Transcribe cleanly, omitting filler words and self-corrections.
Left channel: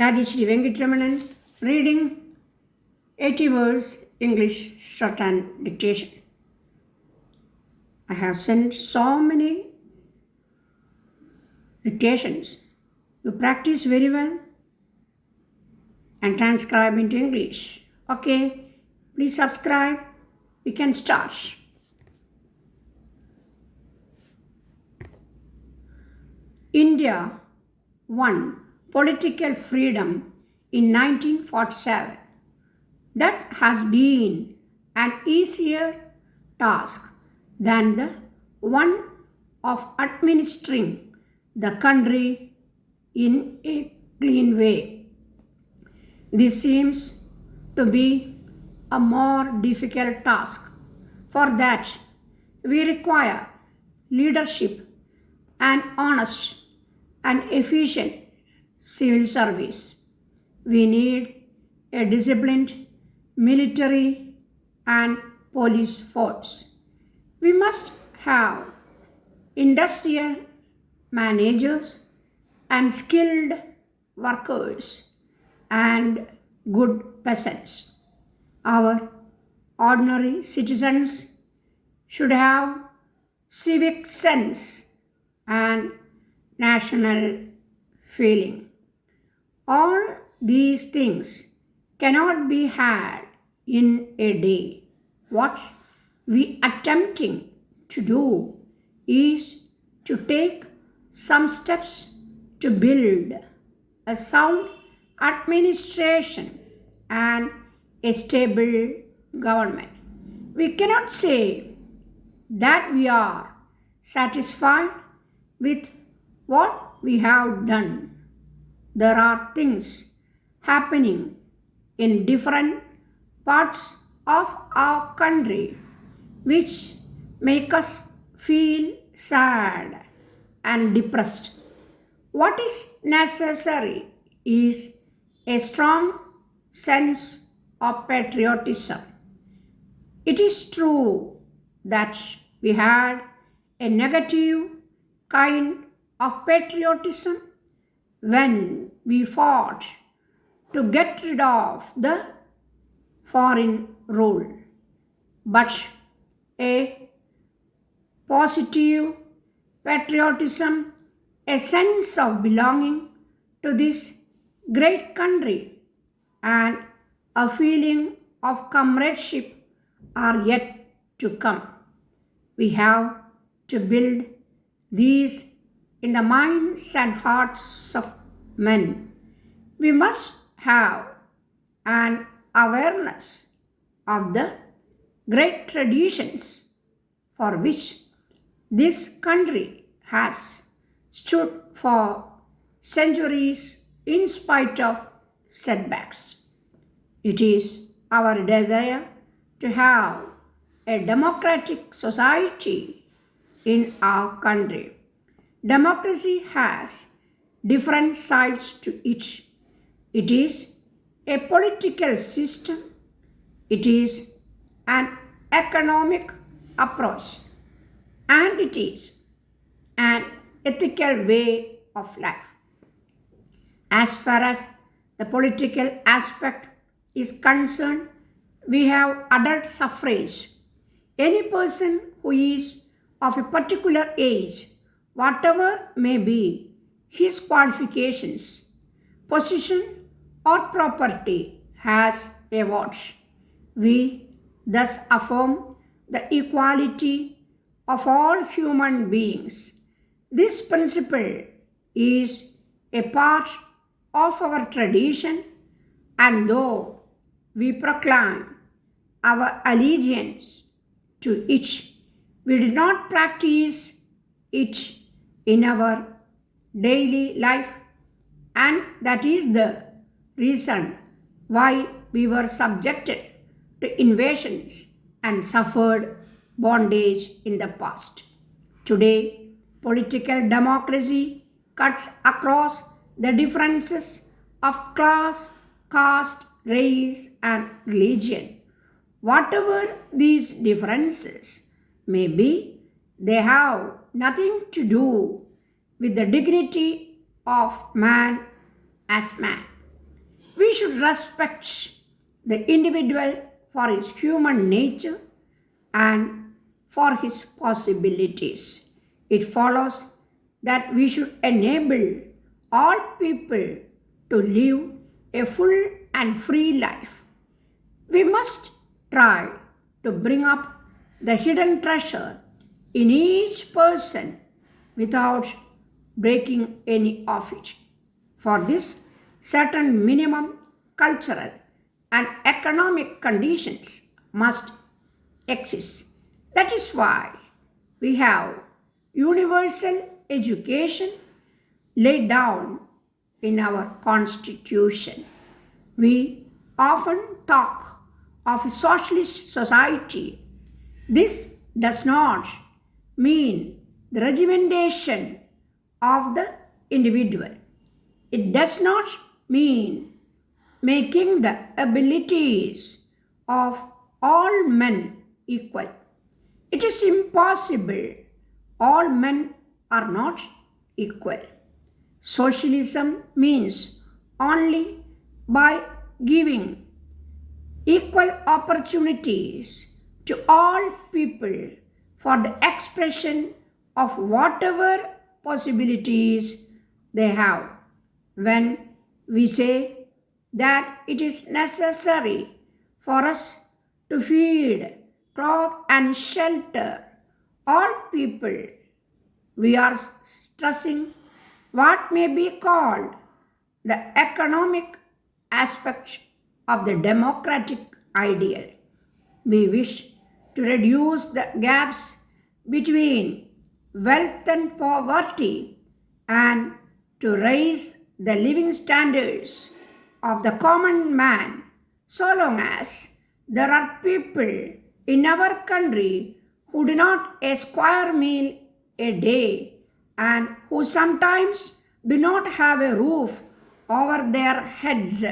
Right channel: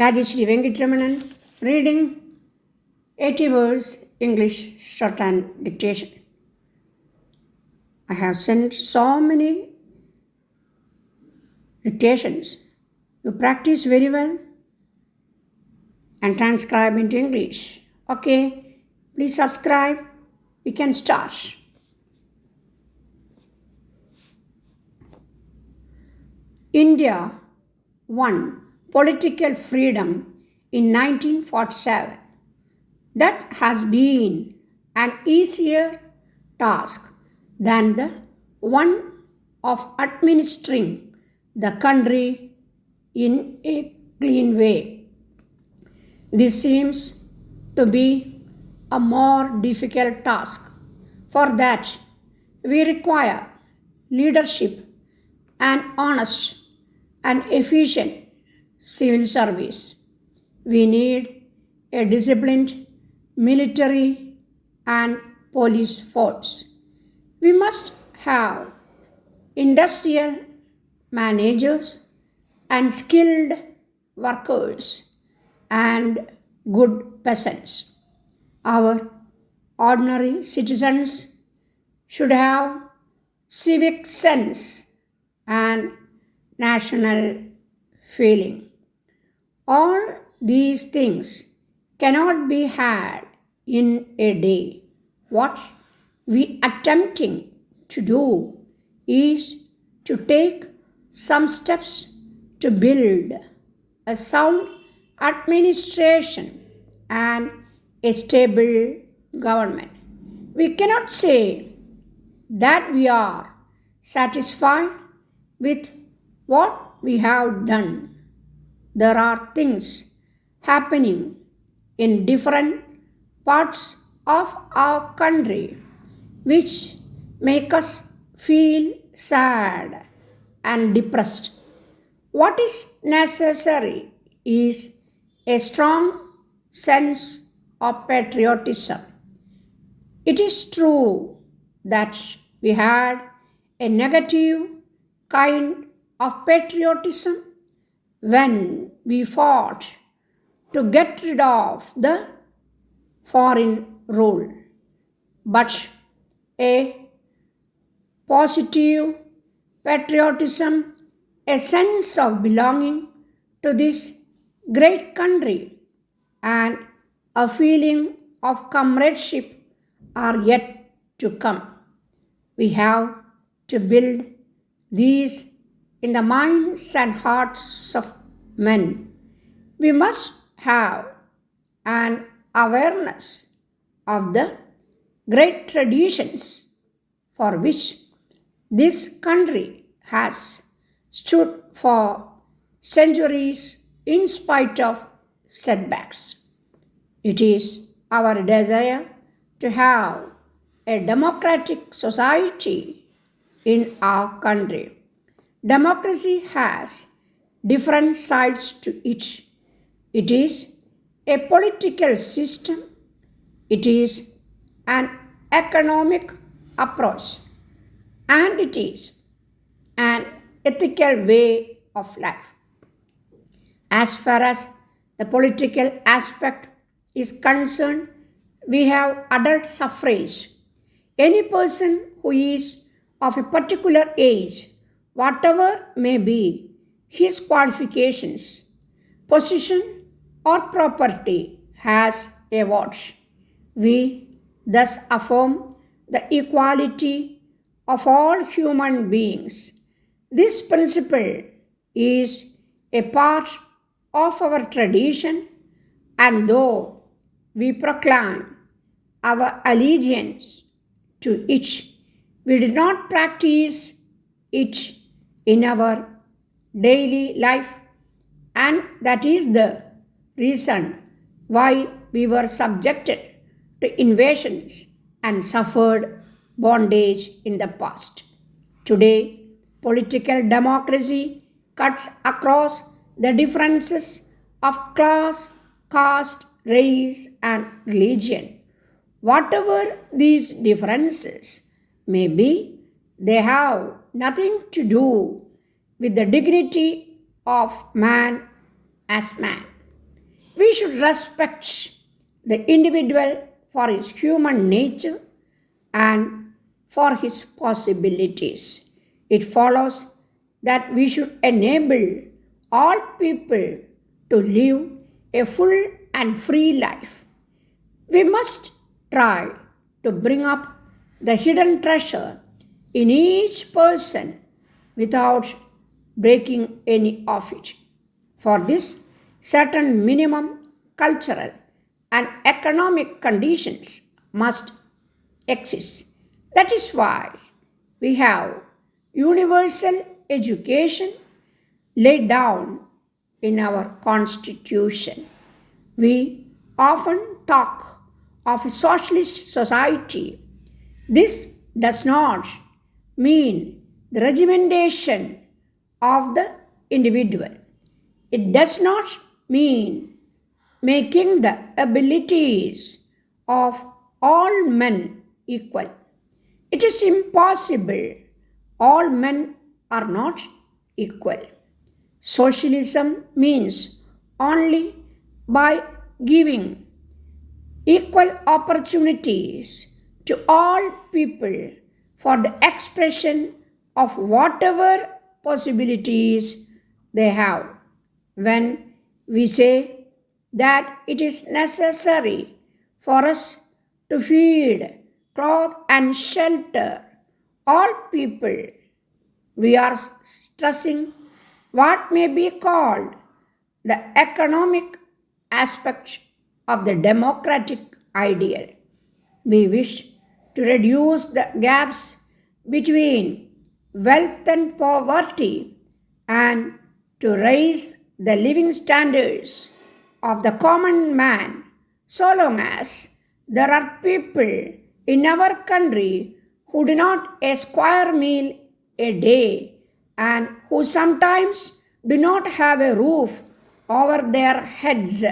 Rajeshri Venkatramanan reading 80 words English Shorthand dictation. I have sent so many dictations. You practice very well and transcribe into English. Okay, please subscribe. We can start. India won political freedom in 1947. That has been an easier task than the one of administering the country in a clean way. This seems to be a more difficult task. For that, we require leadership and honest and efficient civil service. We need a disciplined military and police force. We must have industrial managers and skilled workers and good peasants. Our ordinary citizens should have civic sense and national feeling. All these things cannot be had in a day. What we attempting to do is to take some steps to build a sound administration and a stable government. We cannot say that we are satisfied with what we have done. There are things happening in different parts of our country which make us feel sad and depressed. What is necessary is a strong sense of patriotism. It is true that we had a negative kind of patriotism when we fought to get rid of the foreign rule. But a positive patriotism, a sense of belonging to this great country, and a feeling of comradeship are yet to come. We have to build these in the minds and hearts of men. We must have an awareness of the great traditions for which this country has stood for centuries in spite of setbacks. It is our desire to have a democratic society in our country. Democracy has different sides to it. It is a political system, it is an economic approach, and it is an ethical way of life. As far as the political aspect is concerned, we have adult suffrage. Any person who is of a particular age, whatever may be his qualifications, position, or property, has a vote. We thus affirm the equality of all human beings. This principle is a part of our tradition, and though we proclaim our allegiance to it, we did not practice it in our daily life, and that is the reason why we were subjected to invasions and suffered bondage in the past. Today, political democracy cuts across the differences of class, caste, race, and religion. Whatever these differences may be, they have nothing to do with the dignity of man as man. We should respect the individual for his human nature and for his possibilities. It follows that we should enable all people to live a full and free life. We must try to bring up the hidden treasure in each person without breaking any of it. For this, certain minimum cultural and economic conditions must exist. That is why we have universal education laid down in our constitution. We often talk of a socialist society. This does not mean the regimentation of the individual. It does not mean making the abilities of all men equal. It is impossible. All men are not equal. Socialism means only by giving equal opportunities to all people for the expression of whatever possibilities they have. When we say that it is necessary for us to feed, clothe, and shelter all people, we are stressing what may be called the economic aspect of the democratic ideal. We wish to reduce the gaps between wealth and poverty and to raise the living standards of the common man so long as there are people in our country who do not a square meal a day and who sometimes do not have a roof over their heads.